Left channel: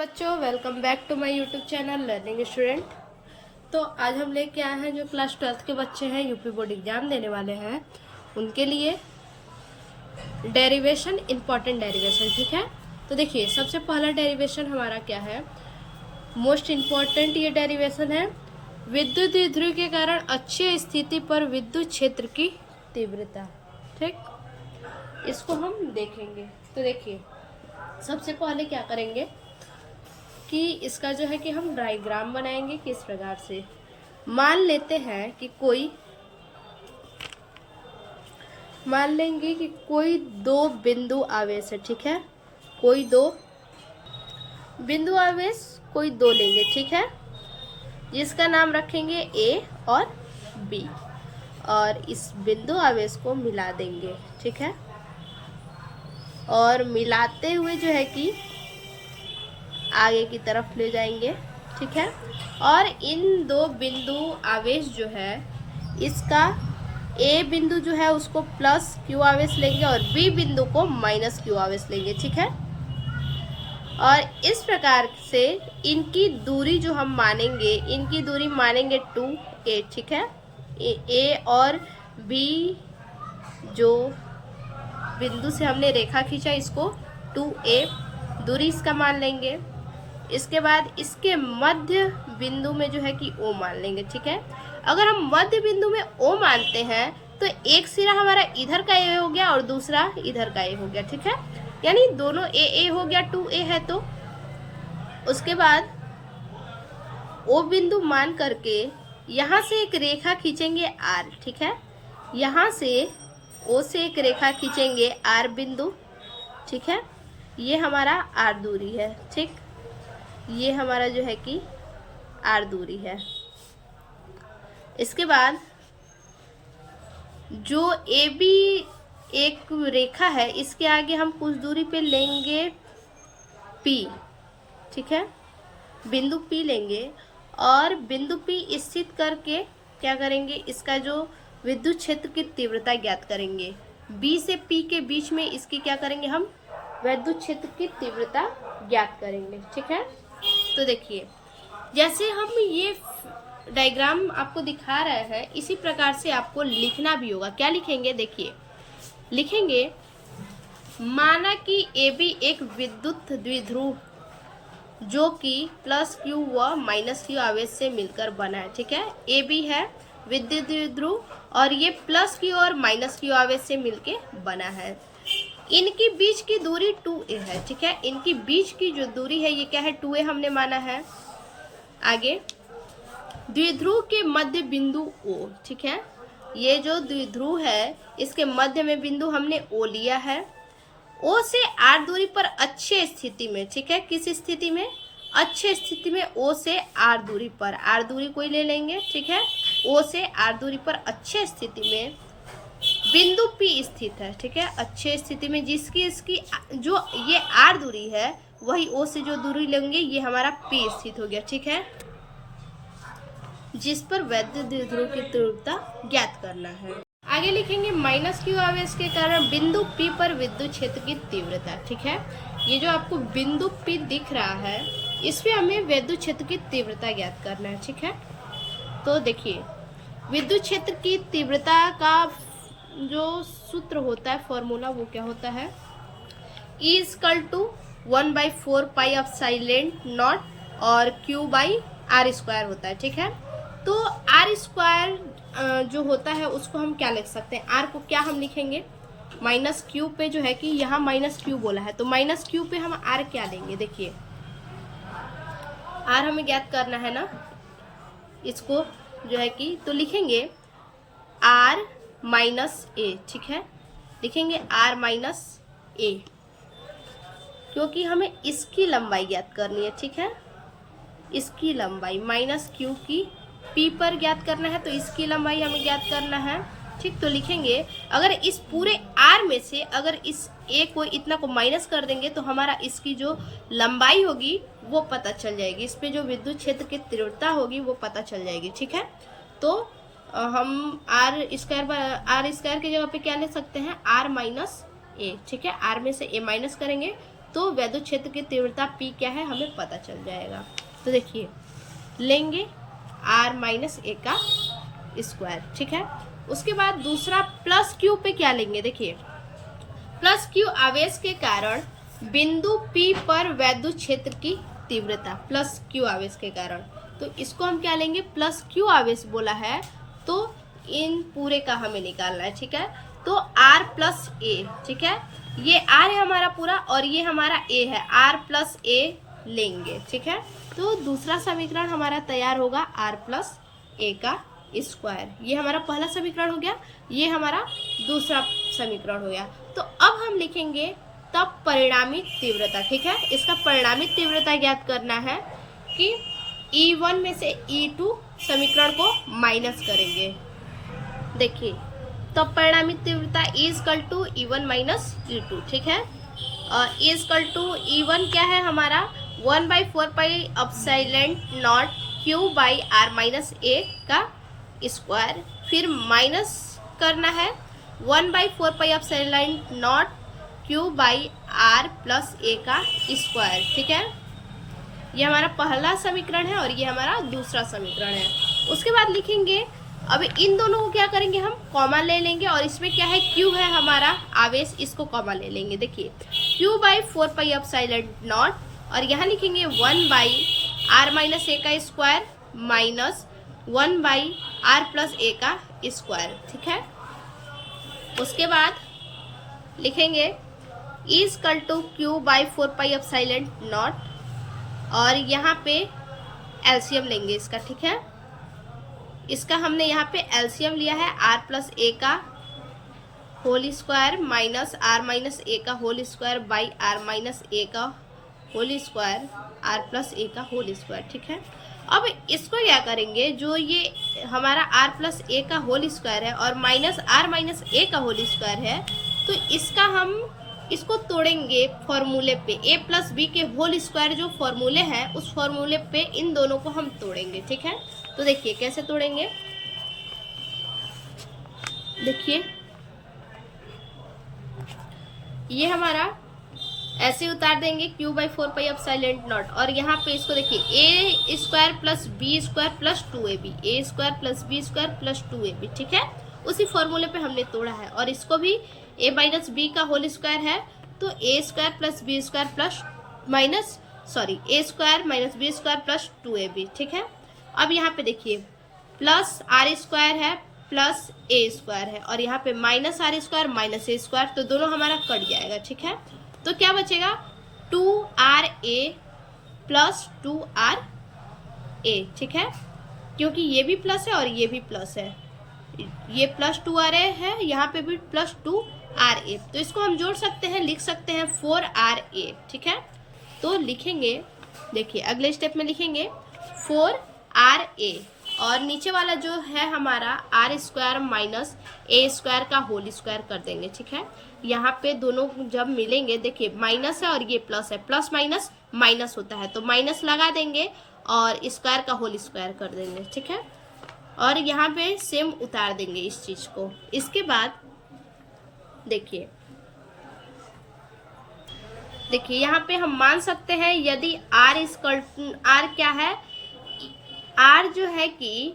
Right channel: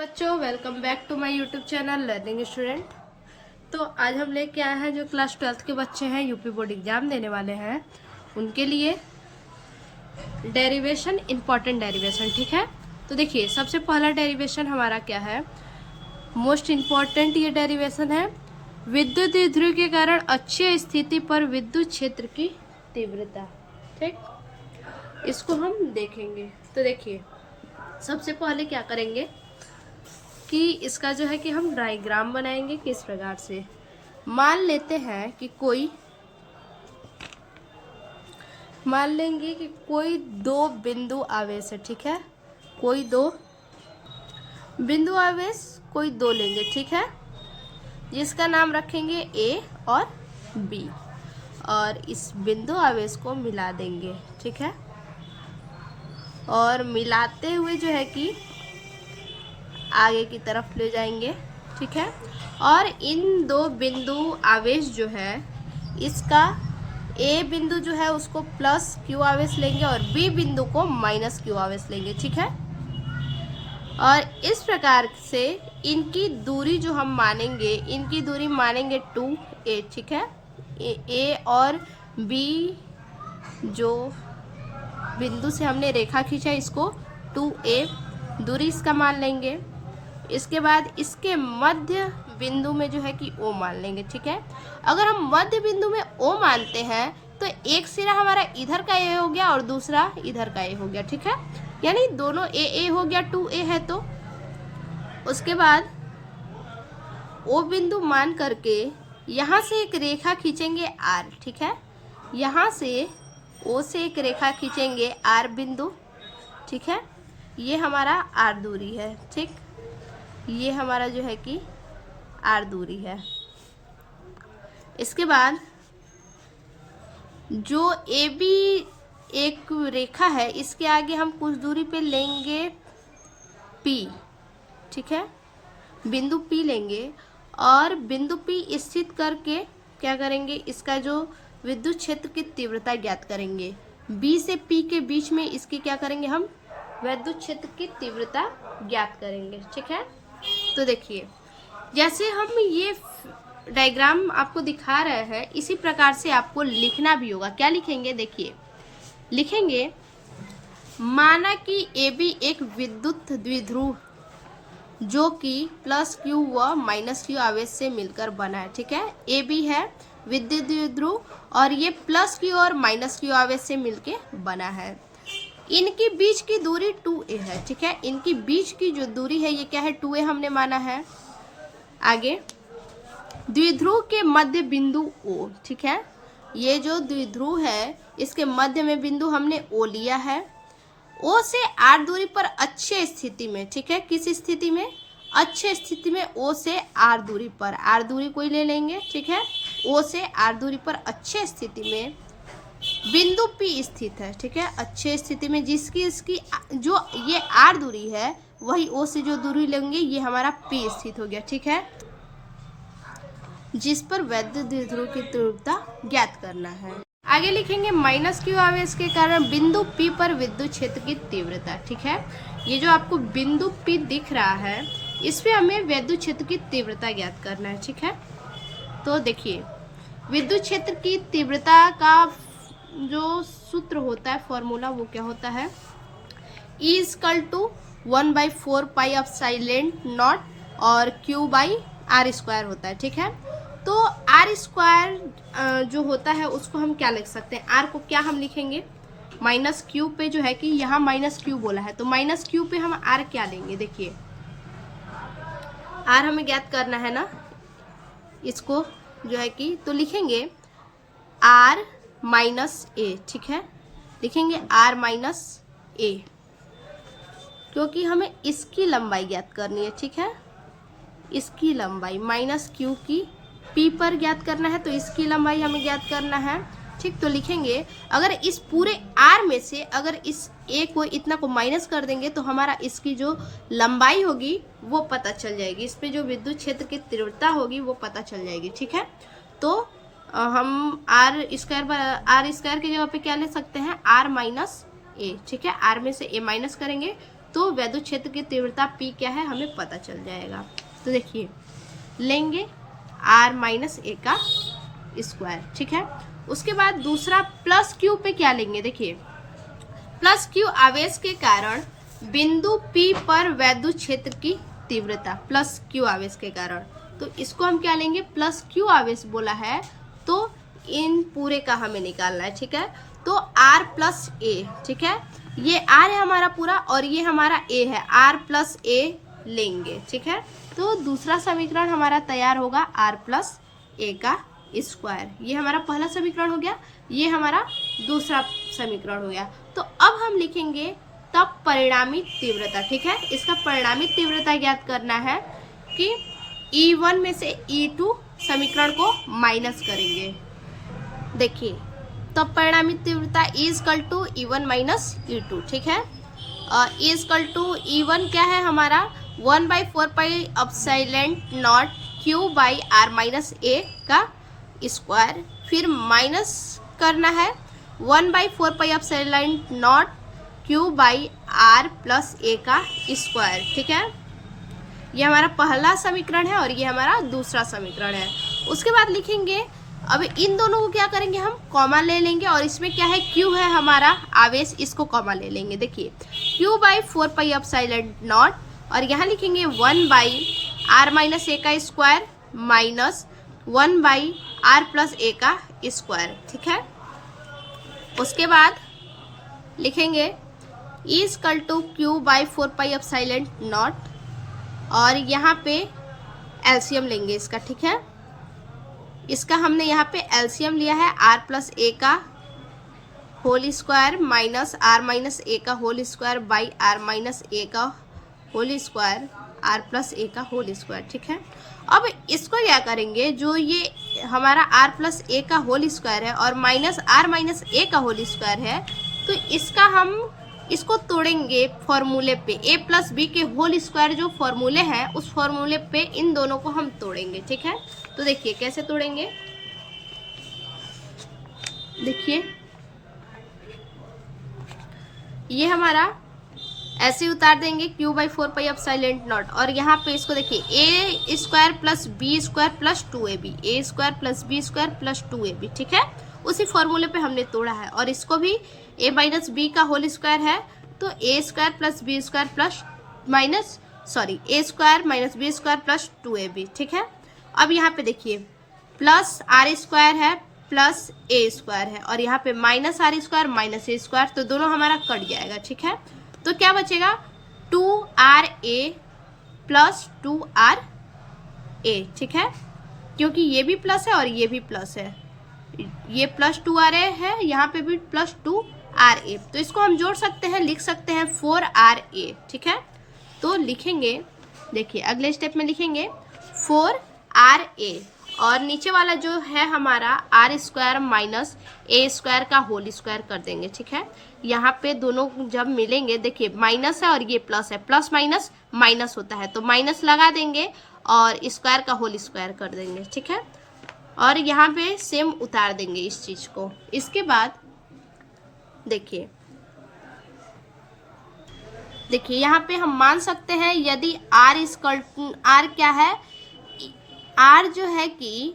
बच्चों welcome back to my YouTube channel learning student. तो आज हम लेके आए हैं जो क्लास 12th के बच्चे हैं, यूपी बोर्ड एग्जाम देने वाले हैं, उनके लिए डेरिवेशन, इंपॉर्टेंट डेरिवेशन। ठीक है, तो देखिए सबसे पहला डेरिवेशन हमारा क्या है, मोस्ट इम्पॉर्टेंट ये डेरिवेशन है, विद्युत द्विध्रुव के कारण अक्षीय स्थिति पर विद्युत क्षेत्र की तीव्रता। ठीक, इसको हम देखेंगे। तो देखिए सबसे पहले क्या करेंगे कि इसका जो है कि हम डायग्राम बनाएंगे। किस प्रकार से, मान लेंगे कि कोई दो बिंदु आवेश है। ठीक है, कोई दो बिंदु आवेश, कोई दो लेंगे। ठीक है, जिसका नाम रखेंगे ए और बी, और इस बिंदु आवेश को मिला देंगे। ठीक है, और मिलाते हुए जो है कि आगे की तरफ ले जाएंगे। ठीक है, और इन दो बिंदु आवेश जो है, इसका ए बिंदु जो है उसको प्लस क्यू आवेश लेंगे और बी बिंदु को माइनस क्यू आवेश लेंगे। ठीक है, और इस प्रकार से इनकी दूरी जो हम मानेंगे, इनकी दूरी मानेंगे 2a। ठीक है, ए और बी जो बिंदु से हमने रेखा खींचा, इसको 2a दूरी इसका मान लेंगे। इसके बाद इसके मध्य बिंदु में जो है कि O मान लेंगे। ठीक है, अगर हम मध्य बिंदु में O मानते हैं तो एक सिरा हमारा इधर का A हो गया और दूसरा इधर का A हो गया। ठीक है, यानी दोनों A हो गया, 2A है। तो उसके बाद O बिंदु मान करके यहाँ से एक रेखा खींचेंगे R। ठीक है, यहाँ से O से एक रेखा खींचेंगे R बिंदु। ठीक है, ये हमारा R दूरी है। ठीक, ये हमारा जो है कि R दूरी है। इसके बाद जो AB एक रेखा है, इसके आगे हम कुछ दूरी पे लेंगे P। ठीक है, बिंदु P लेंगे और बिंदु P स्थित करके क्या करेंगे, इसका जो विद्युत क्षेत्र की तीव्रता ज्ञात करेंगे। B से P के बीच में इसकी क्या करेंगे, हम विद्युत क्षेत्र की तीव्रता ज्ञात करेंगे। ठीक है, तो देखिए जैसे हम ये डायग्राम आपको दिखा रहे हैं, इसी प्रकार से आपको लिखना भी होगा। क्या लिखेंगे, देखिए लिखेंगे, माना कि AB एक विद्युत द्विध्रुव जो कि प्लस क्यू व माइनस क्यू आवेश से मिलकर बना है। ठीक है, AB है विद्युत द्विध्रुव और ये प्लस क्यू और माइनस क्यू आवेश से मिलके बना है। इनकी बीच की दूरी 2a है। ठीक है, इनकी बीच की जो दूरी है ये क्या है, 2a हमने माना है। आगे द्विध्रुव के मध्य बिंदु O। ठीक है, ये जो द्विध्रुव है इसके मध्य में बिंदु हमने O लिया है। O से R दूरी पर अक्षीय स्थिति में। ठीक है, किस स्थिति में, अक्षीय स्थिति में O से R दूरी पर, R दूरी कोई ले लेंगे। ठीक है, O से R दूरी पर अक्षीय स्थिति में बिंदु P स्थित है। ठीक है, अक्षीय स्थिति में जिसकी इसकी जो ये R दूरी है, वही O से जो दूरी लेंगे ये हमारा P स्थित हो गया। ठीक है, जिस पर विद्युत द्विध्रुव की तीव्रता ज्ञात करना है। आगे लिखेंगे, माइनस क्यू आवेश के कारण बिंदु P पर विद्युत क्षेत्र की तीव्रता। ठीक है, ये जो आपको बिंदु P दिख रहा है, इस पे हमें विद्युत क्षेत्र की तीव्रता ज्ञात करना है। ठीक है, तो देखिए विद्युत क्षेत्र की तीव्रता का जो सूत्र होता है, फॉर्मूला, वो क्या होता है, E = 1/4 पाई एप्सिलॉन नॉट और Q/R² होता है। ठीक है, तो R² जो होता है उसको हम क्या लिख सकते हैं, R को क्या हम लिखेंगे, माइनस क्यू पे जो है कि यहाँ माइनस क्यू बोला है, तो माइनस क्यू पे हम R क्या लेंगे, देखिए R हमें ज्ञात करना है ना, इसको जो है कि तो लिखेंगे R - A। ठीक है, लिखेंगे R - A, क्योंकि हमें इसकी लंबाई ज्ञात करनी है। ठीक है, इसकी लंबाई माइनस क्यू की P पर ज्ञात करना है, तो इसकी लंबाई हमें ज्ञात करना है। ठीक, तो लिखेंगे, अगर इस पूरे R में से अगर इस A को इतना को माइनस कर देंगे तो हमारा इसकी जो लंबाई होगी वो पता चल जाएगी, इस पे जो विद्युत क्षेत्र की तीव्रता होगी वो पता चल जाएगी। ठीक है, तो हम R² की जगह पे क्या ले सकते हैं, R - A। ठीक है, R में से A माइनस करेंगे तो वैद्युत क्षेत्र की तीव्रता P क्या है हमें पता चल जाएगा। तो देखिए लेंगे R माइनस ए का स्क्वायर, ठीक है। उसके बाद दूसरा प्लस क्यू पे क्या लेंगे, देखिए प्लस क्यू आवेश के कारण बिंदु P पर वैद्युत क्षेत्र की तीव्रता, प्लस क्यू आवेश के कारण, तो इसको हम क्या लेंगे, प्लस क्यू आवेश बोला है तो इन पूरे का हमें निकालना है, ठीक है। तो R प्लस ए, ठीक है, ये R है हमारा पूरा और ये हमारा A है, R प्लस ए लेंगे, ठीक है। तो दूसरा समीकरण हमारा तैयार होगा R प्लस ए का स्क्वायर। ये हमारा पहला समीकरण हो गया, ये हमारा दूसरा समीकरण हो गया। तो अब हम लिखेंगे तब परिणामी तीव्रता, ठीक है। इसका परिणामी तीव्रता ज्ञात करना है कि E1 में से E2 समीकरण को माइनस करेंगे। देखिए तब परिणामी तीव्रता E equal to E1 minus E2, ठीक है। और E इक्वल टू E1 क्या है हमारा 1/4 pi epsilon naught Q by R minus A का स्क्वायर, फिर माइनस करना है 1/4 pi epsilon naught Q by R plus A का स्क्वायर, ठीक है। ये हमारा पहला समीकरण है और ये हमारा दूसरा समीकरण है। उसके बाद लिखेंगे, अब इन दोनों को क्या करेंगे, हम कॉमा ले लेंगे और इसमें क्या है Q है हमारा आवेश, इसको कॉमा ले लेंगे। देखिए Q/4 पाई एप्सिलॉन नॉट और यहाँ लिखेंगे 1/R माइनस ए का square minus 1/R plus A का स्क्वायर, ठीक है। उसके बाद लिखेंगे E equal to Q/4 pi epsilon nought और यहाँ पे एलसीएम लेंगे इसका, ठीक है। इसका हमने यहाँ पे एलसीएम लिया है R प्लस ए का whole square minus R minus A का whole square by R minus A का whole square R plus A का होल स्क्वायर, ठीक है। अब इसको क्या करेंगे, जो ये हमारा R प्लस ए का होल स्क्वायर है और माइनस R माइनस ए का होल स्क्वायर है, तो इसका हम इसको तोड़ेंगे फॉर्मूले पे, a प्लस बी के होल स्क्वायर जो फॉर्मूले हैं उस फॉर्मूले पे इन दोनों को हम तोड़ेंगे, ठीक है। तो देखिए कैसे तोड़ेंगे, देखिए ये हमारा ऐसे उतार देंगे Q/4 पाई एप्सिलॉन नॉट और यहाँ पे इसको देखिए a square plus B square plus 2ab, a square plus B square plus 2ab, ठीक है। उसी फॉर्मूले पे हमने तोड़ा है और इसको भी a माइनस बी का होल स्क्वायर है तो a square plus B square plus minus a square minus B square plus 2ab, ठीक है। अब यहाँ पे देखिए प्लस R स्क्वायर है प्लस a स्क्वायर है और यहाँ पे minus R square minus a square, तो दोनों हमारा कट जाएगा, ठीक है। तो क्या बचेगा 2RA प्लस 2RA, ठीक है, क्योंकि ये भी प्लस है और ये भी प्लस है, ये प्लस 2RA है, यहाँ पे भी प्लस 2RA, तो इसको हम जोड़ सकते हैं, लिख सकते हैं 4RA, ठीक है। तो लिखेंगे, देखिए अगले स्टेप में लिखेंगे 4RA और नीचे वाला जो है हमारा R square minus A square का होल स्क्वायर कर देंगे, ठीक है। यहाँ पे दोनों जब मिलेंगे, देखिए माइनस है और ये प्लस है, प्लस माइनस माइनस होता है तो माइनस लगा देंगे और स्क्वायर का होल स्क्वायर कर देंगे, ठीक है। और यहाँ पे सेम उतार देंगे इस चीज को। इसके बाद देखिए यहाँ पे हम मान सकते हैं यदि R क्या है, R जो है कि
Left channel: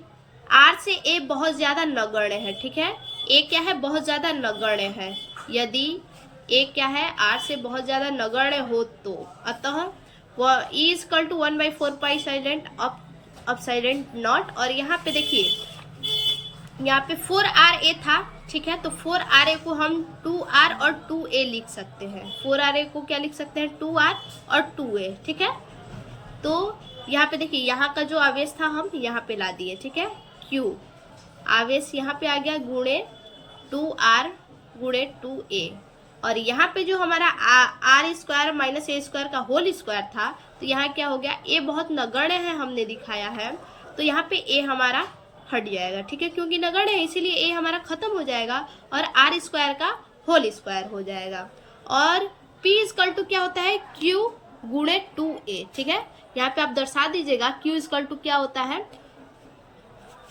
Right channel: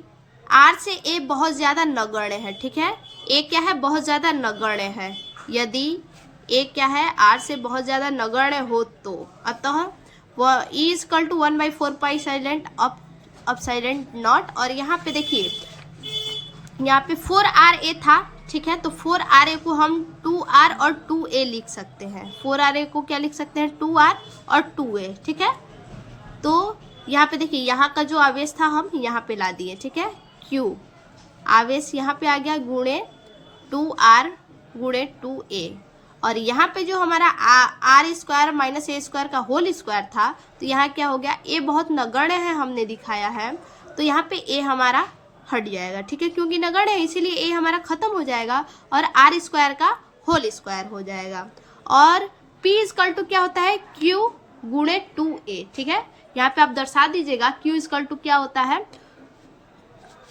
R से A बहुत ज्यादा नगण्य है, ठीक है। A क्या है, बहुत ज्यादा नगण्य है, यदि A क्या है R से बहुत ज्यादा नगण्य हो तो अतः वह E equal to 1/4 pi epsilon nought और यहाँ पे देखिए यहाँ पे 4RA था, ठीक है। तो 4RA को हम 2R और 2A लिख सकते हैं, 4RA को क्या लिख सकते हैं 2R और 2A, ठीक है। तो यहाँ पे देखिए यहाँ का जो आवेश था हम यहाँ पे ला दिए, ठीक है। Q आवेश यहाँ पे आ गया गुणे 2R गुणे 2A और यहाँ पे जो हमारा R square minus A square का होल स्क्वायर था तो यहाँ क्या हो गया, A बहुत नगण्य है हमने दिखाया है तो यहाँ पे A हमारा हट जाएगा, ठीक है, क्योंकि नगण्य है इसीलिए A हमारा खत्म हो जाएगा और R स्क्वायर का होल स्क्वायर हो जाएगा। और P इक्वल टू क्या होता है Q गुणे 2A, ठीक है। यहाँ पे आप दर्शा दीजिएगा Q इक्वल टू क्या होता है,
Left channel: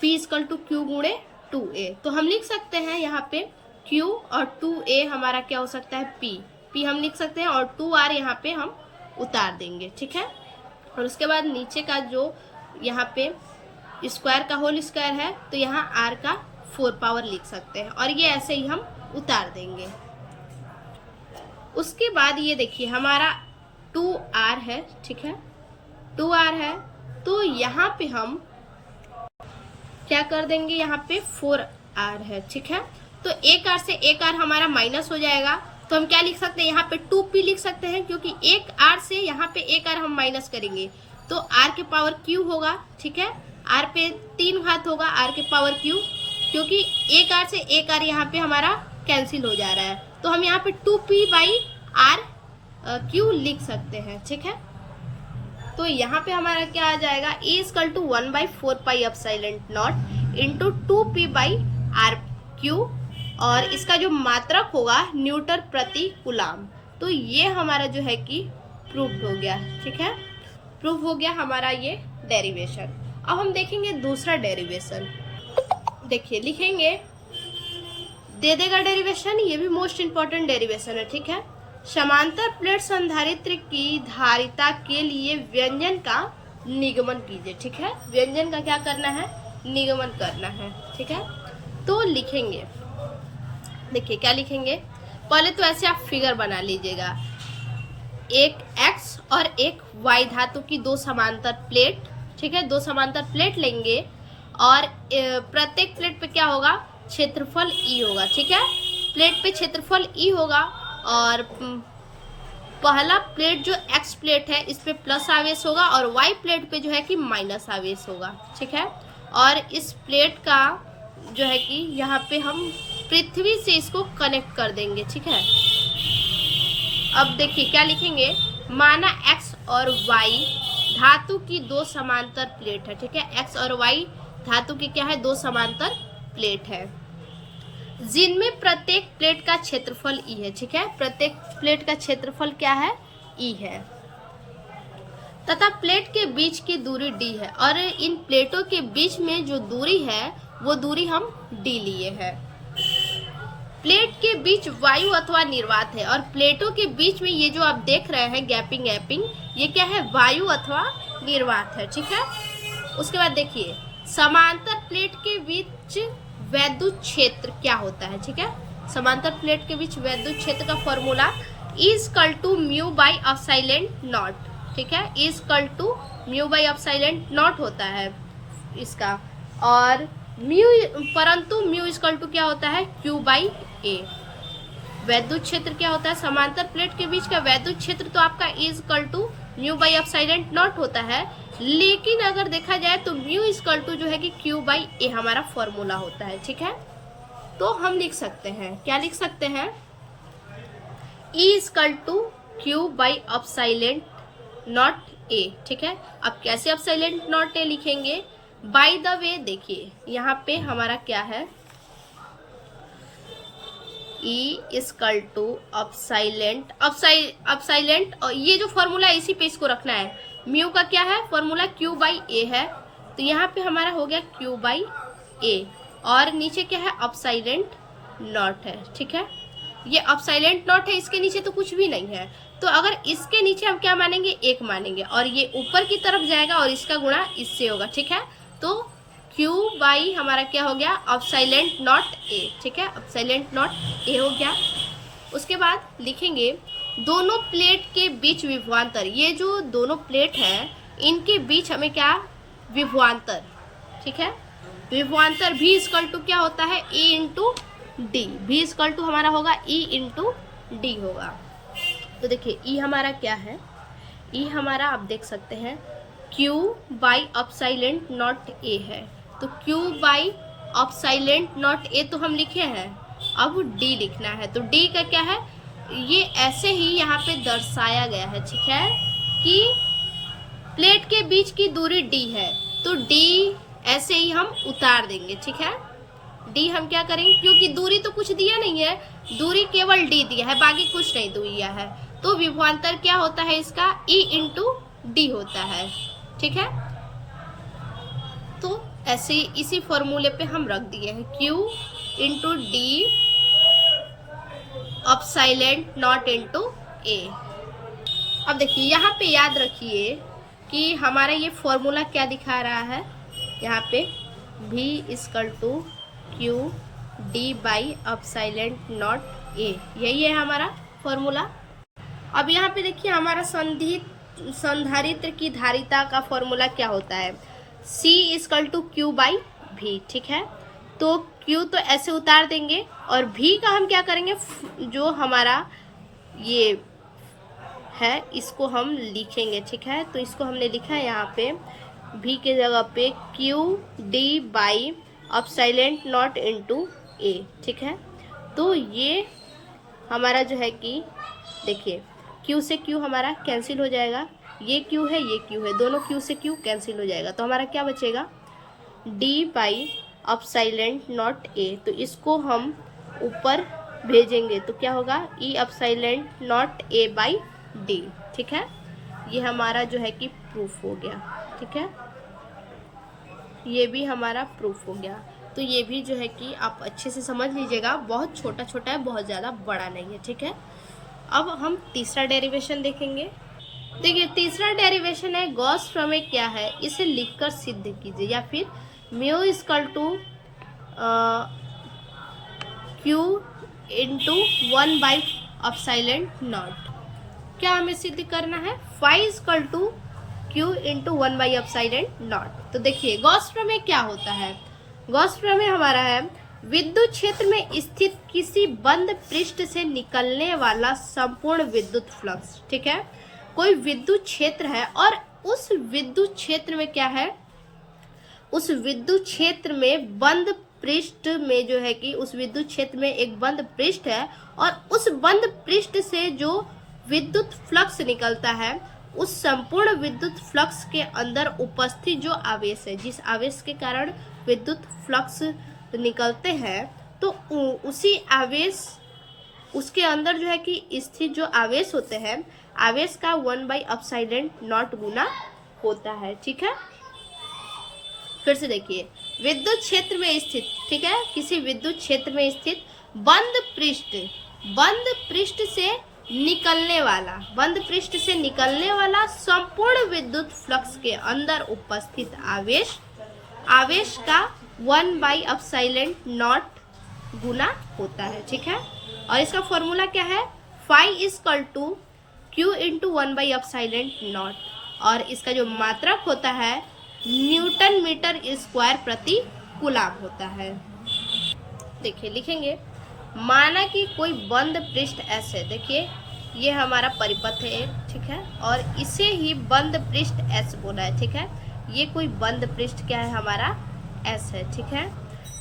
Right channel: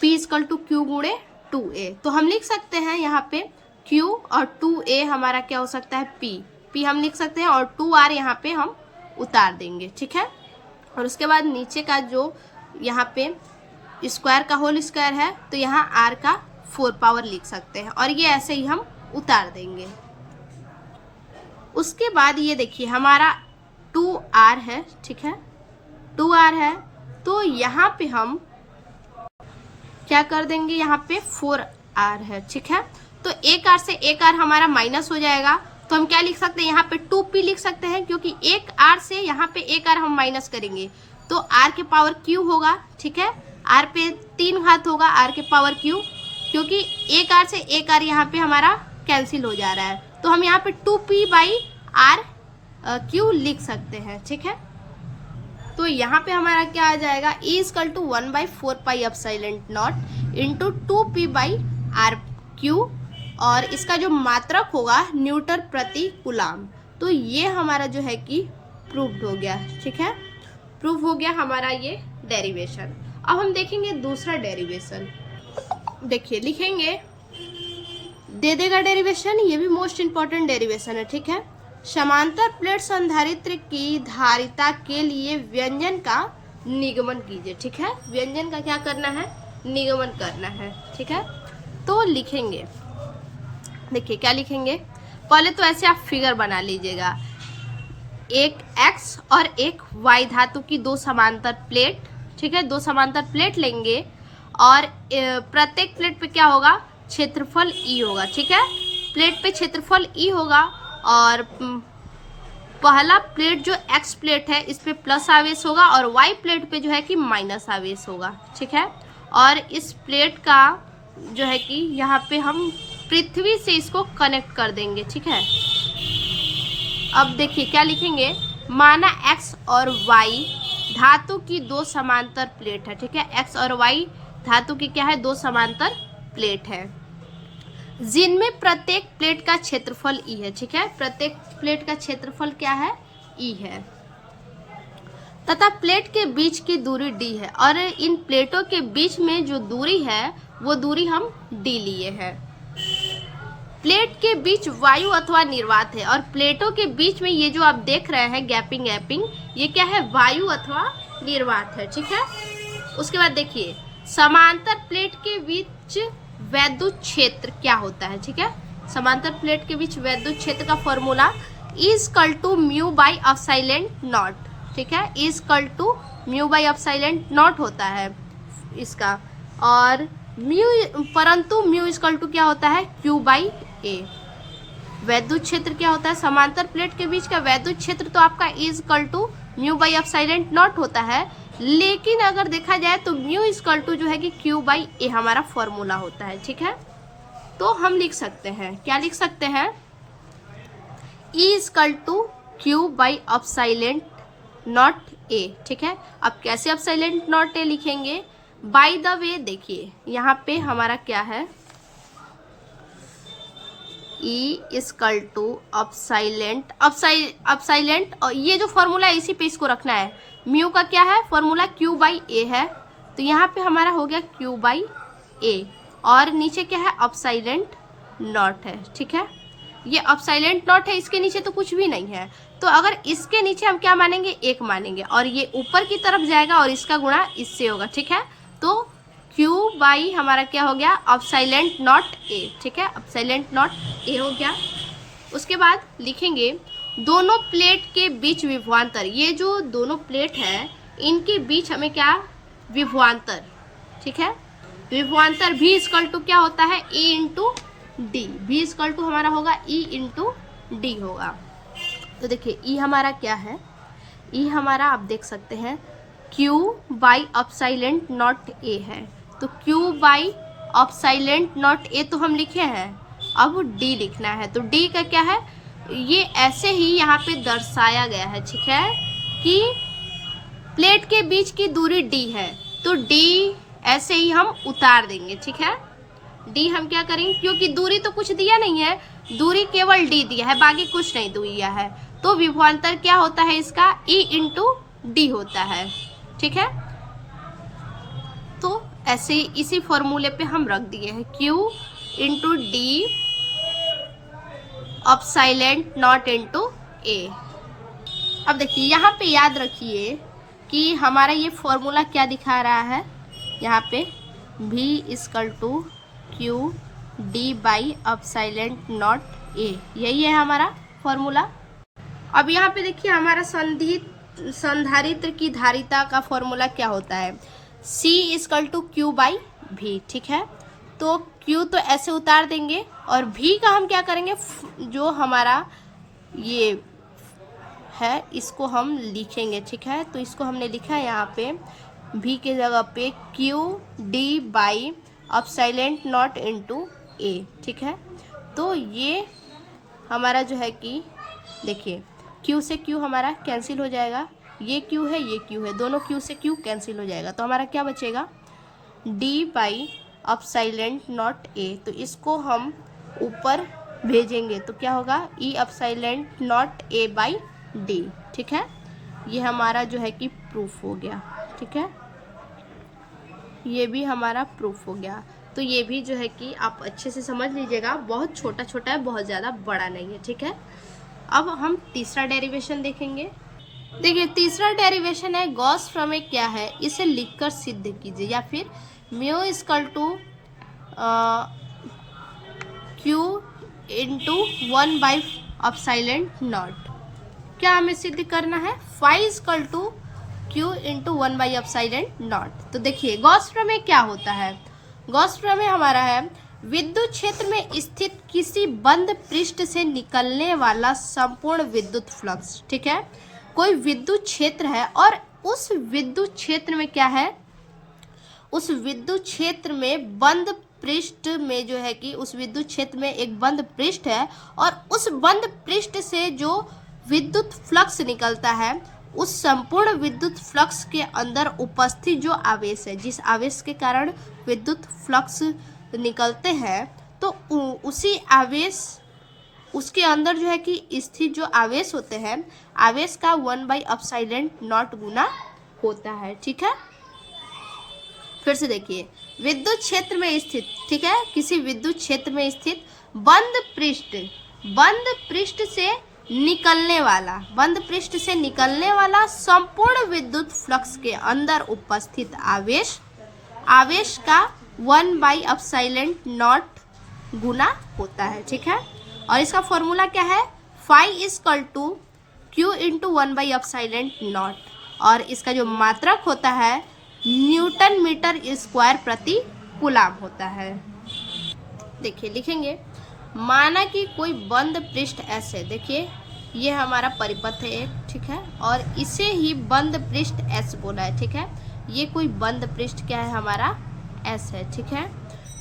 P इक्वल टू Q गुणे 2A, तो हम लिख सकते हैं यहाँ पे Q और 2A हमारा क्या हो सकता है P, P हम लिख सकते हैं और 2R यहाँ पे हम उतार देंगे, ठीक है। और उसके बाद नीचे का जो यहाँ पे स्क्वायर का होल स्क्वायर है तो यहाँ R का 4 पावर लिख सकते हैं और ये ऐसे ही हम उतार देंगे। उसके बाद ये देखिए हमारा 2R है, ठीक है, 2R है तो यहाँ पे हम क्या कर देंगे, यहाँ पे 4R है, ठीक है। तो एक R से एक R हमारा माइनस हो जाएगा तो हम क्या लिख सकते हैं, यहाँ पे 2P लिख सकते हैं क्योंकि एक R से यहाँ पे एक R हम माइनस करेंगे तो R के पावर Q होगा, ठीक है। R पे 3 घात होगा R के पावर Q, क्योंकि एक R से एक R यहाँ पे हमारा कैंसिल हो जा रहा है तो हम यहाँ पे 2P/R Q लिख सकते हैं, ठीक है। तो यहाँ पे हमारा क्या आ जाएगा, E = 1/4πε0 इंटू 2P/R/Q और इसका जो मात्रक होगा न्यूटन प्रति कूलाम। तो ये हमारा जो है कि प्रूव्ड हो गया, ठीक है, प्रूव हो गया हमारा ये डेरिवेशन। अब हम देखेंगे दूसरा डेरिवेशन। देखिए लिखेंगे, दे देगा डेरिवेशन, ये भी मोस्ट इंपॉर्टेंट डेरिवेशन है, ठीक है। समांतर प्लेट संधारित्र की धारिता के लिए व्यंजन का निगमन कीजिए, ठीक है। व्यंजन का क्या करना है, निगमन करना है, ठीक है। तो लिखेंगे, देखिए क्या लिखेंगे, पहले तो ऐसे आप फिगर बना लीजिएगा, एक X और एक Y धातु की दो समांतर प्लेट, ठीक है, दो समांतर प्लेट लेंगे और प्रत्येक प्लेट पे क्या होगा, क्षेत्रफल E होगा, ठीक है। प्लेट पे क्षेत्रफल E होगा और पहला प्लेट जो X प्लेट है इस पे प्लस आवेश होगा और Y प्लेट पे जो है कि माइनस आवेश होगा, ठीक है। और इस प्लेट का जो है कि यहाँ पे हम पृथ्वी से इसको कनेक्ट कर देंगे, ठीक है। अब देखिए क्या लिखेंगे, माना X और Y धातु की दो समांतर प्लेट है, ठीक है। X और Y धातु की क्या है, दो समांतर प्लेट है जिनमें प्रत्येक प्लेट का क्षेत्रफल E है, ठीक है। प्रत्येक प्लेट का क्षेत्रफल क्या है, E है तथा प्लेट के बीच की दूरी D है और इन प्लेटों के बीच में जो दूरी है वो दूरी हम D लिए हैं। प्लेट के बीच वायु अथवा निर्वात है और प्लेटों के बीच में ये जो आप देख रहे हैं गैपिंग, ये क्या है, वायु अथवा निर्वात है, ठीक है। उसके बाद देखिए समांतर प्लेट के बीच वैद्युत क्षेत्र क्या होता है, ठीक है। समांतर प्लेट के बीच वैद्युत क्षेत्र का फॉर्मूला = μ/ε0, ठीक है, μ/ε0 होता है इसका। और परंतु μ क्या होता है, Q/A। वैद्युत क्षेत्र क्या होता है, समांतर प्लेट के बीच का वैद्युत क्षेत्र तो आपका = μ/ε0 होता है, लेकिन अगर देखा जाए तो μ जो है कि Q/A हमारा फॉर्मूला होता है, ठीक है। तो हम लिख सकते हैं, क्या लिख सकते हैं, E = Q/ε0A, ठीक है। अब कैसे ε0A लिखेंगे, बाय द वे देखिए यहाँ पे हमारा क्या है, E = ε0 और ये जो फॉर्मूला है इसी पे इसको रखना है। म्यू का क्या है फॉर्मूला, Q/A है, तो यहाँ पे हमारा हो गया Q/A और नीचे क्या है, ε0 है, ठीक है। ये ε0 है, इसके नीचे तो कुछ भी नहीं है, तो अगर इसके नीचे हम क्या मानेंगे, 1 मानेंगे और ये ऊपर की तरफ जाएगा और इसका गुणा इससे होगा, ठीक है। तो Q/ हमारा क्या हो गया, ε0A, ठीक है, ε0A हो गया। उसके बाद लिखेंगे दोनों प्लेट के बीच विभवांतर, ये जो दोनों प्लेट है इनके बीच हमें क्या, विभवांतर, ठीक है। विभवांतर V = क्या होता है, E × D। V = हमारा होगा E × D होगा। तो देखिए E हमारा क्या है, E हमारा आप देख सकते हैं Q/ε0A है, तो Q/ε0A तो हम लिखे हैं, अब D लिखना है। तो D का क्या है, ये ऐसे ही यहाँ पे दर्शाया गया है, ठीक है, कि प्लेट के बीच की दूरी D है, तो D ऐसे ही हम उतार देंगे, ठीक है। D हम क्या करेंगे, क्योंकि दूरी तो कुछ दिया नहीं है, दूरी केवल D दिया है, बाकी कुछ नहीं दिया है, तो विभवांतर क्या होता है इसका, E × D होता है, ठीक है। तो ऐसे इसी फॉर्मूले पे हम रख दिए हैं Q × D epsilon naught into A. अब देखिए यहाँ पे याद रखिए कि हमारा ये फॉर्मूला क्या दिखा रहा है, यहाँ पे V equal to q D by epsilon naught A, यही है हमारा फॉर्मूला। अब यहाँ पे देखिए हमारा संधारित्र की धारिता का फॉर्मूला क्या होता है, C equal to q by V, ठीक है। तो Q तो ऐसे उतार देंगे और V का हम क्या करेंगे, जो हमारा ये है इसको हम लिखेंगे, ठीक है। तो इसको हमने लिखा है यहाँ पे V के जगह पे Q D by epsilon naught into A, ठीक है। तो ये हमारा जो है कि देखिए Q से Q हमारा कैंसिल हो जाएगा, ये Q है ये Q है, दोनों Q से Q कैंसिल हो जाएगा, तो हमारा क्या बचेगा D बाई अपसाइलेंट नॉट ए। तो इसको हम ऊपर भेजेंगे तो क्या होगा E अपसाइलेंट naught A by D, ठीक है। ये हमारा जो है कि प्रूफ हो गया, ठीक है। ये भी हमारा प्रूफ हो गया। तो ये भी जो है कि आप अच्छे से समझ लीजिएगा, बहुत छोटा छोटा है, बहुत ज़्यादा बड़ा नहीं है, ठीक है। अब हम तीसरा डेरिवेशन देखेंगे। देखिए तीसरा डेरिवेशन है गॉस प्रमेय क्या है, इसे लिखकर सिद्ध कीजिए, या फिर mu equal to q into 1 by epsilon naught. क्या हमें सिद्ध करना है, phi equal to q into 1 by epsilon naught. तो देखिए गॉस प्रमेय क्या होता है, गॉस प्रमेय हमारा है विद्युत क्षेत्र में स्थित किसी बंद पृष्ठ से निकलने वाला संपूर्ण विद्युत फ्लक्स, ठीक है। कोई विद्युत क्षेत्र है और उस विद्युत क्षेत्र में क्या है, उस विद्युत क्षेत्र में बंद पृष्ठ में जो है कि उस विद्युत क्षेत्र में एक बंद पृष्ठ है और उस बंद पृष्ठ से जो विद्युत फ्लक्स निकलता है, उस संपूर्ण विद्युत फ्लक्स के अंदर उपस्थित जो आवेश है, जिस आवेश के कारण विद्युत फ्लक्स निकलते हैं, तो उसी आवेश, उसके अंदर जो है कि स्थित जो आवेश होते हैं, आवेश का 1 बाई अपसाइलेंट नॉट गुना होता है, ठीक है। फिर से देखिए विद्युत क्षेत्र में स्थित, ठीक है, किसी विद्युत क्षेत्र में स्थित बंद पृष्ठ से निकलने वाला, बंद पृष्ठ से निकलने वाला संपूर्ण विद्युत फ्लक्स के अंदर उपस्थित आवेश का 1 बाई अपसाइलेंट नॉट गुना होता है, ठीक है। और इसका फॉर्मूला क्या है, phi equal to q into 1 by epsilon naught, और इसका जो मात्रक होता है न्यूटन मीटर स्क्वायर प्रति कूलम होता है। देखिए लिखेंगे, माना कि कोई बंद पृष्ठ ऐसे, देखिए ये हमारा परिपथ है एक, ठीक है, और इसे ही बंद पृष्ठ S बोला है, ठीक है। ये कोई बंद पृष्ठ क्या है हमारा S है, ठीक है,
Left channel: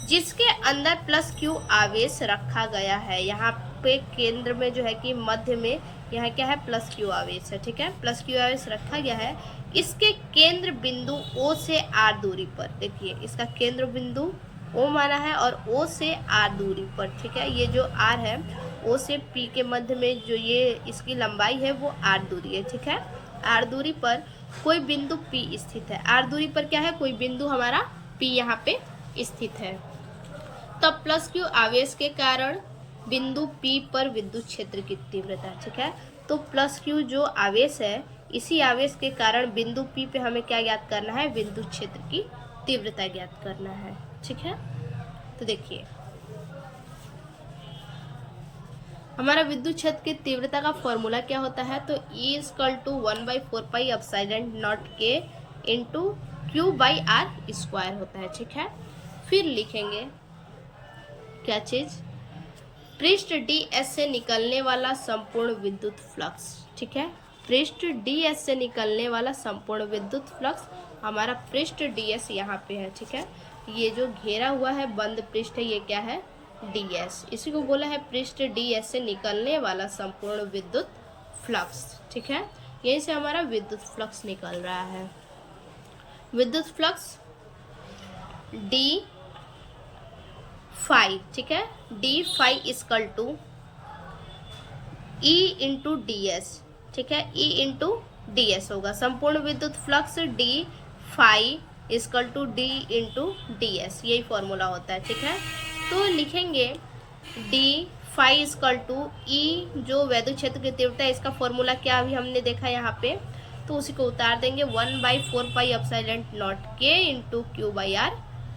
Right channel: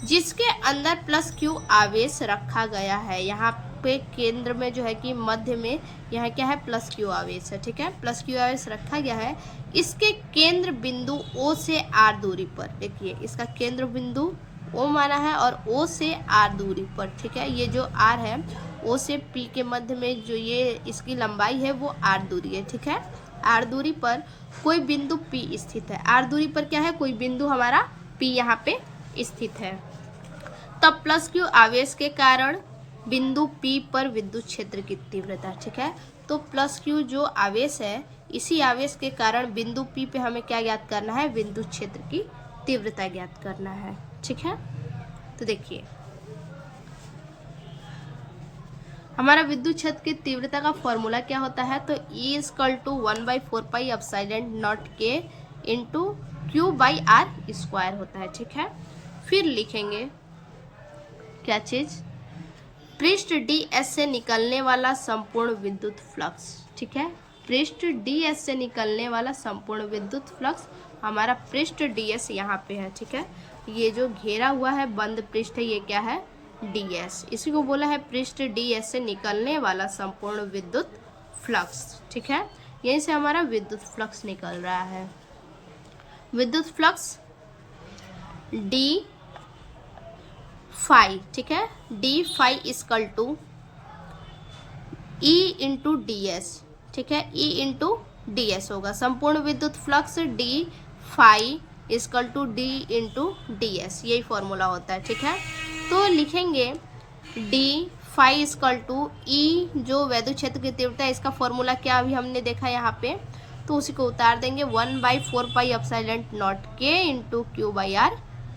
जिसके अंदर प्लस Q आवेश रखा गया है। यहाँ पे केंद्र में जो है कि मध्य में यहाँ क्या है प्लस Q आवेश है, ठीक है, प्लस Q आवेश रखा गया है। इसके केंद्र बिंदु O से R दूरी पर, देखिए इसका केंद्र बिंदु O माना है और O से R दूरी पर, ठीक है। ये जो R है O से P के मध्य में जो ये इसकी लंबाई है वो R दूरी है, ठीक है। R दूरी पर कोई बिंदु P स्थित है, R दूरी पर क्या है, कोई बिंदु हमारा P यहाँ पे स्थित है। तब प्लस Q आवेश के कारण बिंदु P पर विद्युत क्षेत्र की तीव्रता, ठीक है। तो प्लस Q जो आवेश है, इसी आवेश के कारण बिंदु P पे हमें क्या ज्ञात करना है, विद्युत क्षेत्र की तीव्रता ज्ञात करना है, ठीक है। तो देखिए हमारा विद्युत क्षेत्र की तीव्रता का फॉर्मूला क्या होता है, तो E equal to 1/4 pi epsilon naught के into Q by are square होता है, ठीक है। फिर लिखेंगे क्या चीज, पृष्ठ DS से निकलने वाला संपूर्ण विद्युत फ्लक्स, ठीक है। पृष्ठ DS से निकलने वाला संपूर्ण विद्युत फ्लक्स, हमारा पृष्ठ DS यहाँ पे है, ठीक है। ये जो घेरा हुआ है बंद पृष्ठ है, ये क्या है DS, इसी को बोला है पृष्ठ DS से निकलने वाला संपूर्ण विद्युत फ्लक्स, ठीक है। यहीं से हमारा विद्युत फ्लक्स निकल रहा है। विद्युत फ्लक्स D फाई, ठीक है, D phi equal to E into DS, ठीक है, E इंटू DS होगा। संपूर्ण विद्युत flux D phi equal to D into DS, यही फॉर्मूला होता है, ठीक है। तो लिखेंगे D phi equal to E, जो वैद्युत क्षेत्र की तीव्रता है, इसका फॉर्मूला क्या अभी हमने देखा यहाँ पे, तो उसी को उतार देंगे 1/4πε0 के into Q by are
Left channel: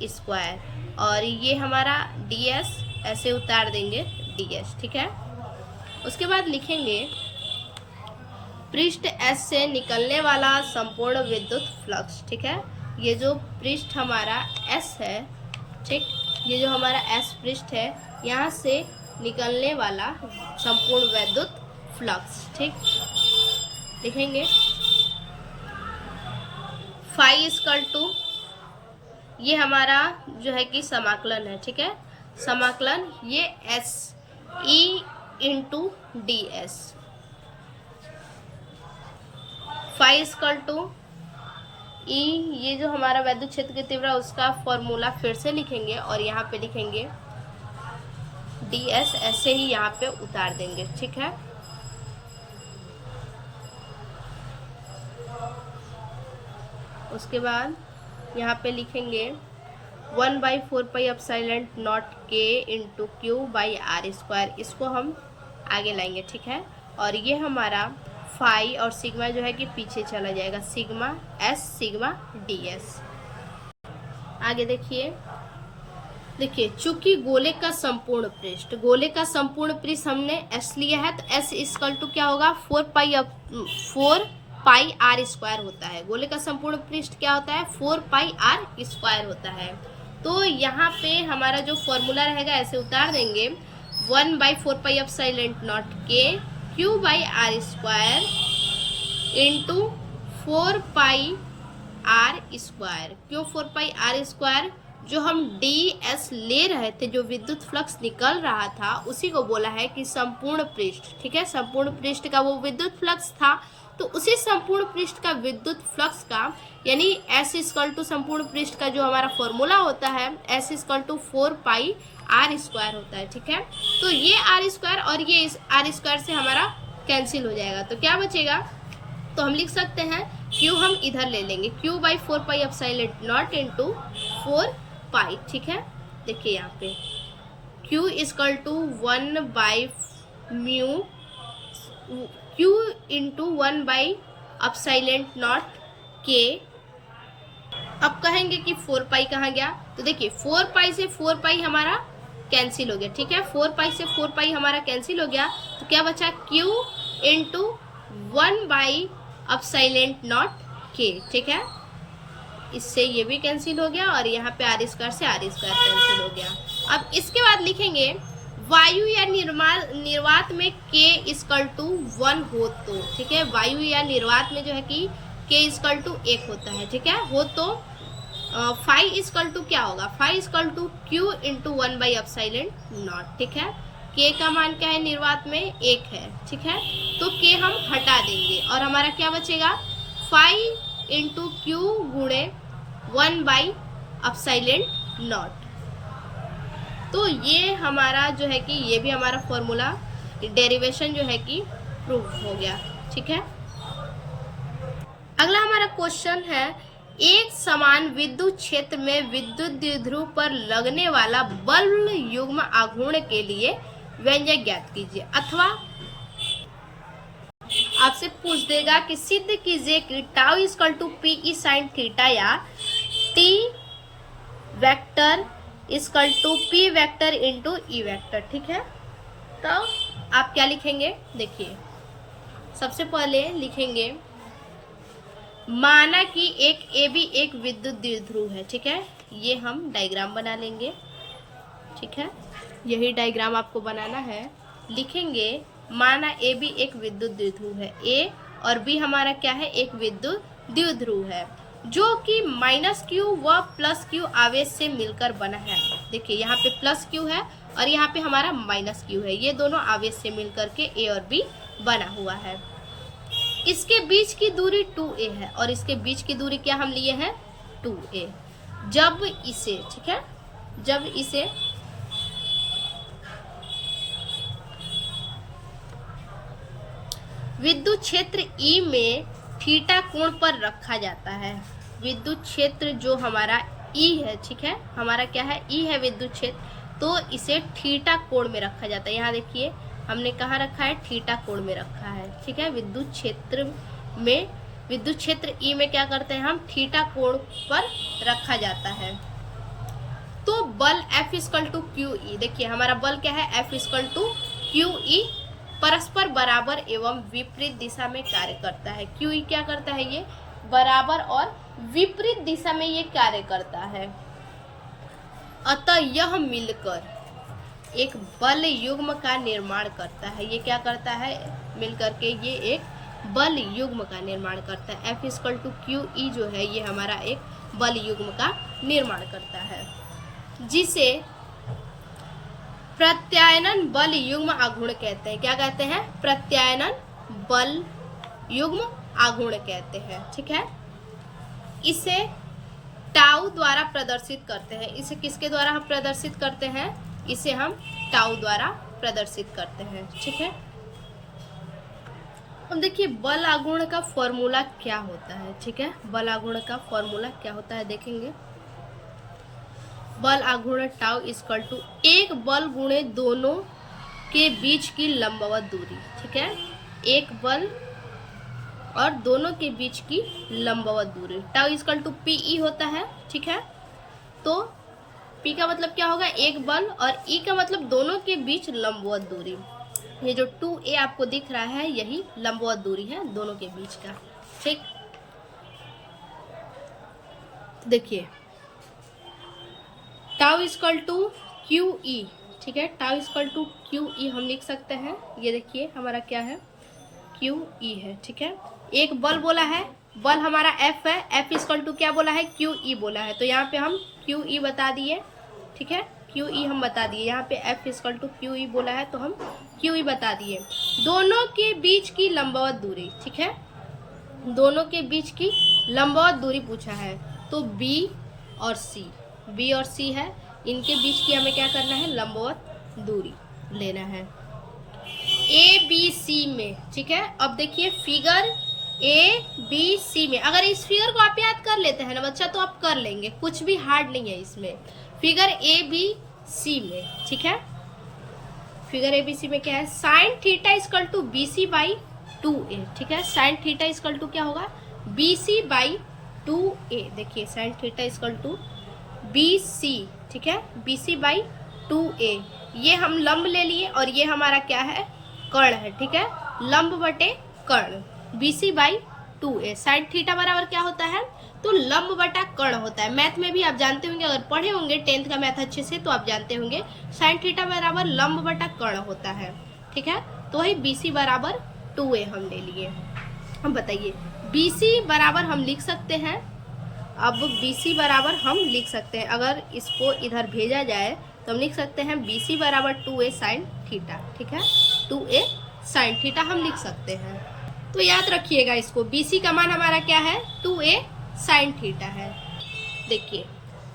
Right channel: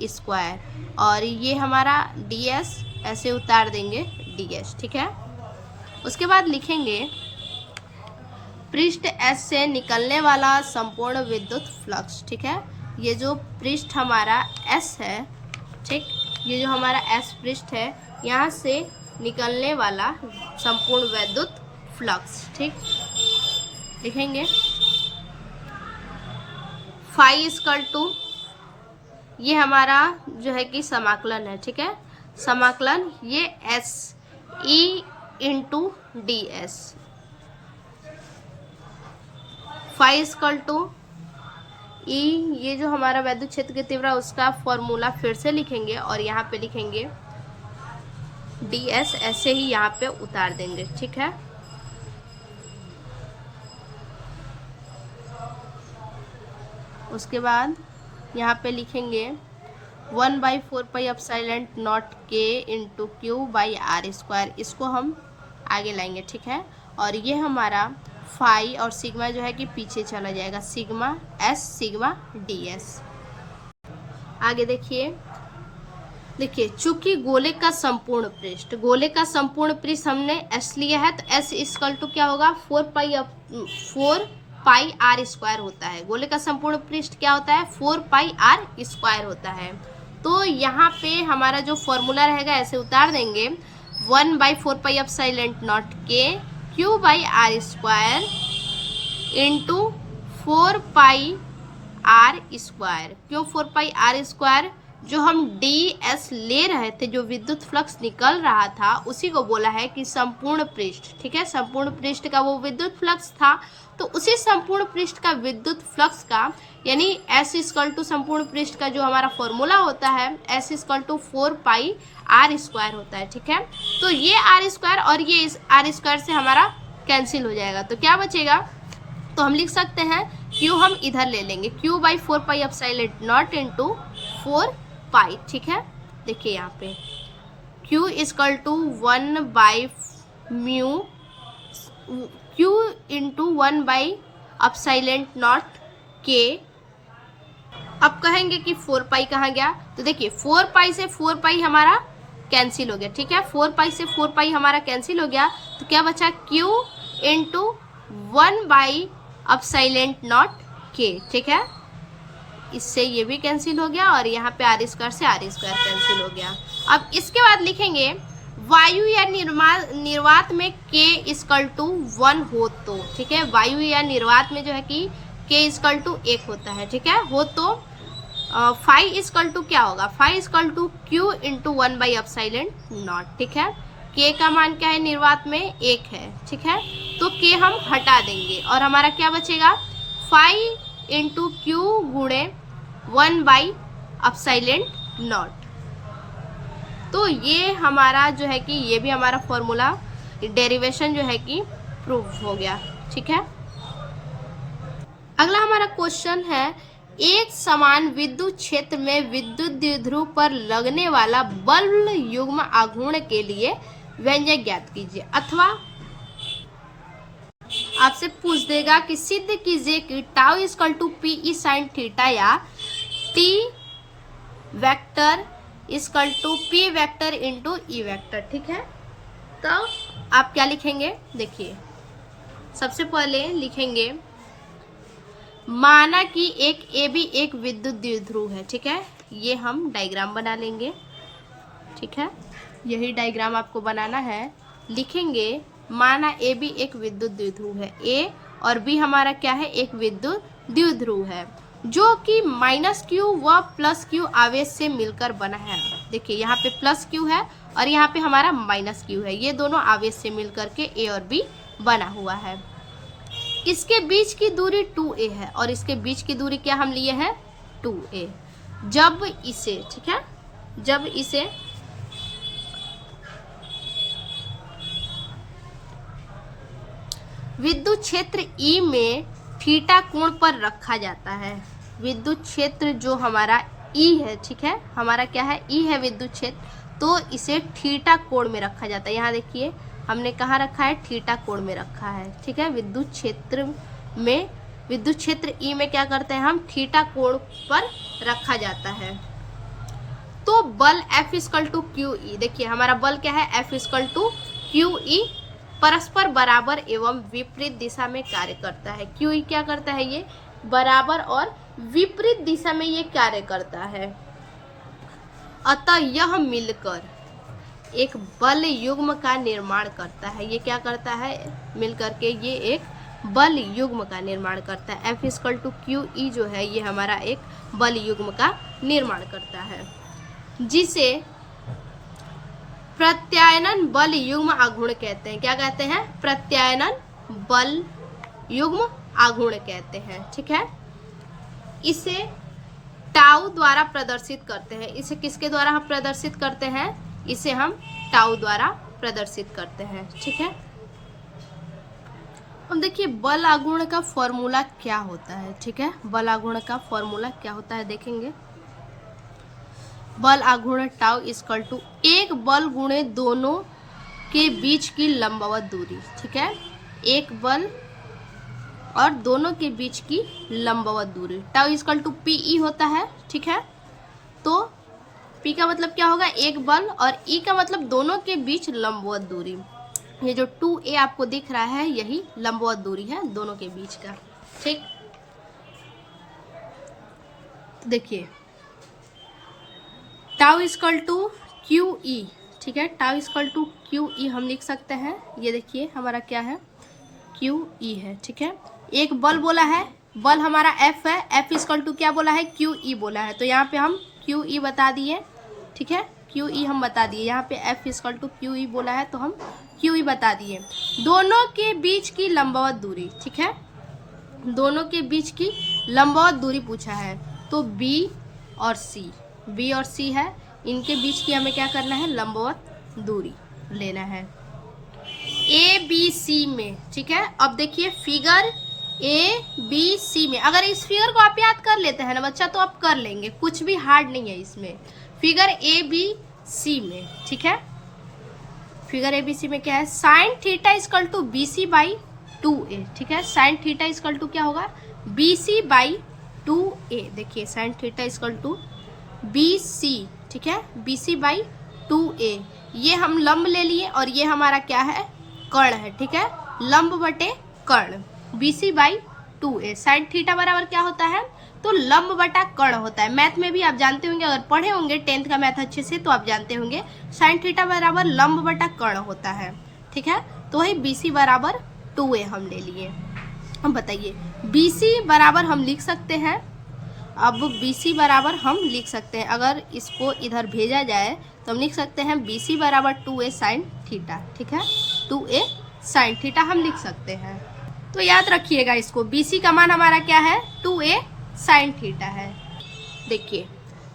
square, और ये हमारा ds ऐसे उतार देंगे ds, ठीक है। उसके बाद लिखेंगे पृष्ठ S से निकलने वाला संपूर्ण विद्युत फ्लक्स, ठीक है। ये जो पृष्ठ हमारा S है, ठीक, ये जो हमारा S पृष्ठ है, यहाँ से निकलने वाला संपूर्ण विद्युत फ्लक्स, ठीक, लिखेंगे फाई इक्वल टू, ये हमारा जो है कि समाकलन है, ठीक है, समाकलन ये S E into D S, phi equal to E, ये जो हमारा वैद्युत क्षेत्र की तीव्रता उसका फॉर्मूला फिर से लिखेंगे और यहाँ पे लिखेंगे डी एस, ऐसे ही यहाँ पे उतार देंगे, ठीक है। उसके बाद यहाँ पे लिखेंगे 1/4πε0 के into Q by are square, इसको हम आगे लाएंगे, ठीक है। और ये हमारा फाई और सिग्मा जो है कि पीछे चला जाएगा, sigma S sigma D S. आगे देखिए चूंकि गोले का संपूर्ण पृष्ठ हमने एस लिया है, तो एस इक्वल टू क्या होगा 4π आर स्क्वायर होता है। गोले का संपूर्ण पृष्ठ क्या होता है 4π आर स्क्वायर होता है। तो यहाँ पे हमारा जो फॉर्मूला रहेगा ऐसे उतार देंगे 1/4πε0 के Q by are square into 4π R square. क्यों 4π आर स्क्वायर? जो हम डी एस ले रहे थे, जो विद्युत फ्लक्स निकल रहा था, उसी को बोला है कि संपूर्ण पृष्ठ, ठीक है। संपूर्ण पृष्ठ का वो विद्युत फ्लक्स था, तो उसी संपूर्ण पृष्ठ का विद्युत फ्लक्स का यानी एस इक्वल टू संपूर्ण पृष्ठ का जो हमारा फॉर्मूला होता है S equal to 4π R square होता है, ठीक है। तो ये आर स्क्वायर और ये इस आर स्क्वायर से हमारा कैंसिल हो जाएगा, तो क्या बचेगा? तो हम लिख सकते हैं क्यू हम इधर ले लेंगे, क्यू बाई 4πε0 इंटू 4π, ठीक है। देखिए यहाँ पे Q equal to 1/μ Q into 1/ε0 के। अब कहेंगे कि 4π कहाँ गया, तो देखिए 4π से 4π हमारा कैंसिल हो गया, ठीक है। 4π से 4π हमारा कैंसिल हो गया, तो क्या बचा Q इंटू 1/ε0 के, ठीक है। इससे ये भी कैंसिल हो गया और यहाँ पे आर स्क्वायर से आर स्क्वायर कैंसिल हो गया। अब इसके बाद लिखेंगे वायु या निर्वात में K इक्वल टू 1 हो तो, ठीक है। वायु या निर्वात में जो है कि K इक्वल टू 1 होता है, ठीक है, हो तो फाई इक्वल टू क्या होगा, phi equal to Q into 1/ε0, ठीक है। K का मान क्या है निर्वात में 1 है, ठीक है, तो K हम हटा देंगे और हमारा क्या बचेगा फाई इंटू क्यू गुणे 1/ε0। तो ये हमारा जो है कि ये भी हमारा फॉर्मूला डेरिवेशन जो है कि प्रूव हो गया, ठीक है। अगला हमारा क्वेश्चन है एक समान विद्युत क्षेत्र में विद्युत द्विध्रुव पर लगने वाला बल युग्म आघूर्ण के लिए व्यंजक ज्ञात कीजिए। अथवा आपसे पूछ देगा कि सिद्ध कीजिए कि tau equal to P E sine theta या T vector equal to P vector into E vector, ठीक है। तो आप क्या लिखेंगे, देखिए सबसे पहले लिखेंगे माना कि एक ए बी एक विद्युत द्विध्रुव है, ठीक है। ये हम डायग्राम बना लेंगे, ठीक है, यही डायग्राम आपको बनाना है। लिखेंगे माना ए बी एक विद्युत द्विध्रुव है, ए और बी हमारा क्या है एक विद्युत द्विध्रुव है, जो कि -q व +q आवेश से मिलकर बना है। देखिए यहाँ पे +q है और यहाँ पे हमारा -q है, ये दोनों आवेश से मिलकर के ए और बी बना हुआ है। इसके बीच की दूरी 2a है और इसके बीच की दूरी क्या हम लिए हैं 2a। जब इसे, ठीक है, जब इसे विद्युत क्षेत्र E में थीटा कोण पर रखा जाता है, विद्युत क्षेत्र जो हमारा E है, ठीक है, हमारा क्या है E है विद्युत क्षेत्र, तो इसे थीटा कोण में रखा जाता है। यहाँ देखिए हमने कहाँ रखा है, थीटा कोण में रखा है, ठीक है। विद्युत क्षेत्र ई में क्या करते हैं हम, थीटा कोण पर रखा जाता है। तो बल F equal to q E, देखिए हमारा बल क्या है, F equal to q E परस्पर बराबर एवं विपरीत दिशा में कार्य करता है। क्यू ई क्या करता है, ये बराबर और विपरीत दिशा में ये कार्य करता है। अतः यह मिलकर एक बल युग्म का निर्माण करता है। ये क्या करता है, मिलकर के ये एक बल युग्म का निर्माण करता है। F equal to q E जो है ये हमारा एक बल युग्म का निर्माण करता है, जिसे प्रत्यायनन बल युग्म आघूर्ण कहते हैं। क्या कहते हैं, प्रत्यायनन बल युग्म आघूर्ण कहते हैं, ठीक है। इसे टाउ द्वारा प्रदर्शित करते हैं। इसे किसके द्वारा हम प्रदर्शित करते हैं, इसे हम टाउ द्वारा प्रदर्शित करते हैं, ठीक है। अब देखिए बल आघूर्ण का फॉर्मूला क्या होता है, ठीक है। बल आघूर्ण का फॉर्मूला क्या होता है देखेंगे। बल आघूर्ण टाउ इक्वल टू एक बल गुणे दोनों के बीच की लंबवत दूरी, ठीक है। एक बल और दोनों के बीच की लंबवत दूरी, tau equal to P E होता है, ठीक है। तो पी का मतलब क्या होगा, एक बल, और ई का मतलब दोनों के बीच लंबवत दूरी। ये जो 2a आपको दिख रहा है यही लंबवत दूरी है दोनों के बीच का, ठीक। देखिए tau equal to q E, ठीक है। Tau equal to q E हम लिख सकते हैं। ये देखिए हमारा क्या है, क्यू ई है, ठीक है। एक बल बोला है, बल हमारा F है, F इक्वल टू क्या बोला है, क्यू ई बोला है। तो यहाँ पे हम क्यू ई बता दिए, ठीक है। क्यू ई हम बता दिए, यहाँ पे F equal to q E बोला है तो हम क्यू ई बता दिए। दोनों के बीच की लंबवत दूरी, ठीक है। दोनों के बीच की लंबवत दूरी पूछा है, तो B और C है, इनके बीच की हमें क्या करना है, लंबवत दूरी लेना है ABC में, ठीक है। अब देखिए फिगर ABC में, अगर इस फिगर को आप याद कर लेते हैं ना बच्चा तो आप कर लेंगे, कुछ भी हार्ड नहीं है इसमें। फिगर ABC में, ठीक है। फिगर ABC में क्या है, sine theta equal to BC by 2A, ठीक है। साइन थीटा इक्वल टू क्या होगा, BC बाई 2A। देखिए sine theta equal to BC, ठीक है, BC बाई 2A। ये हम लंब ले लिए और ये हमारा क्या है, कर्ण है, ठीक है। लंब बटे कर्ण, BC by 2A। Sine theta बराबर क्या होता है, तो लंब बटा कर्ण होता है। मैथ में भी आप जानते होंगे, अगर पढ़े होंगे 10th का मैथ अच्छे से तो आप जानते होंगे साइन थीटा बराबर लंब बटा कर्ण होता है, ठीक है। तो वही BC बराबर 2A हम ले लिए। हम बताइए BC बराबर हम लिख सकते हैं, अब BC बराबर हम लिख सकते हैं, अगर इसको इधर भेजा जाए तो हम लिख सकते हैं BC बराबर 2A साइन थीटा, ठीक है। 2A साइन थीटा हम लिख सकते हैं। तो याद रखिएगा इसको, BC का मान हमारा क्या है, 2A साइन थीटा है। देखिए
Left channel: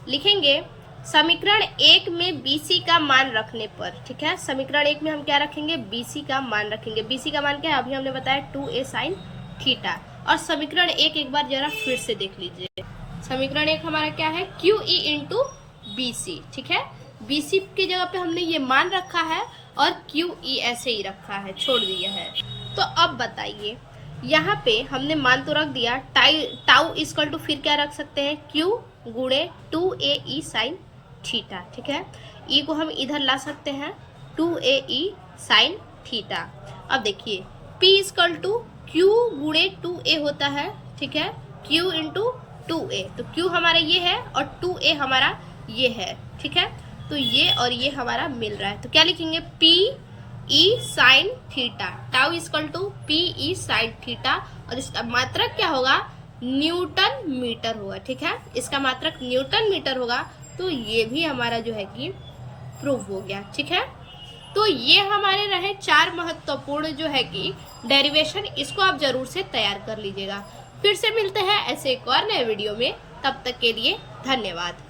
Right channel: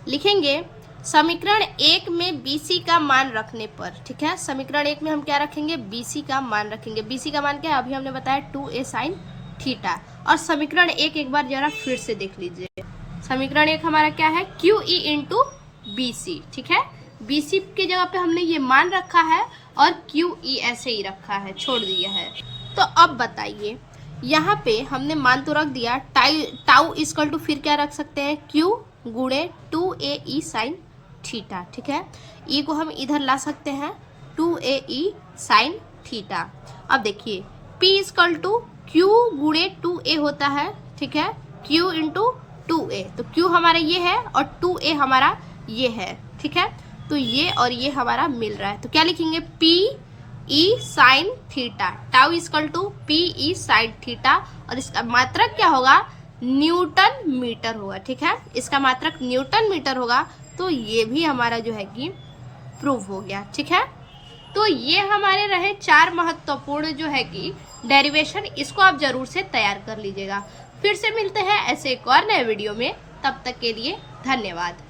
लिखेंगे समीकरण 1 में BC का मान रखने पर, ठीक है। समीकरण 1 में हम क्या रखेंगे, BC का मान रखेंगे। BC का मान क्या है, अभी हमने बताया 2A साइन थीटा। और समीकरण 1 एक बार जरा फिर से देख लीजिए। समीकरण 1 हमारा क्या है, QE इंटू BC, ठीक है। BC की जगह पे हमने ये मान रखा है और QE ऐसे ही रखा है, छोड़ दिया है। तो अब बताइए यहाँ पे हमने मान तो रख दिया, टाउ इक्वल टू फिर क्या रख सकते हैं, Q गुणे 2AE साइन थीटा, ठीक है। E को हम इधर ला सकते हैं, 2AE साइन थीटा। अब देखिए P इक्वल टू Q गुणे 2A होता है, ठीक है। Q इंटू 2A, तो Q हमारा ये है और 2A हमारा ये है, ठीक है। तो ये और ये हमारा मिल रहा है, तो क्या लिखेंगे, PE sine theta. Tau equal to PE sine theta, और इसका मात्रक क्या होगा, न्यूटन मीटर होगा, ठीक है। इसका मात्रक न्यूटन मीटर होगा। तो ये भी हमारा जो है कि प्रूव हो गया, ठीक है। तो ये हमारे रहे 4 महत्वपूर्ण जो है कि डेरिवेशन, इसको आप जरूर से तैयार कर लीजिएगा। फिर से मिलते हैं ऐसे एक और नए वीडियो में, तब तक के लिए धन्यवाद।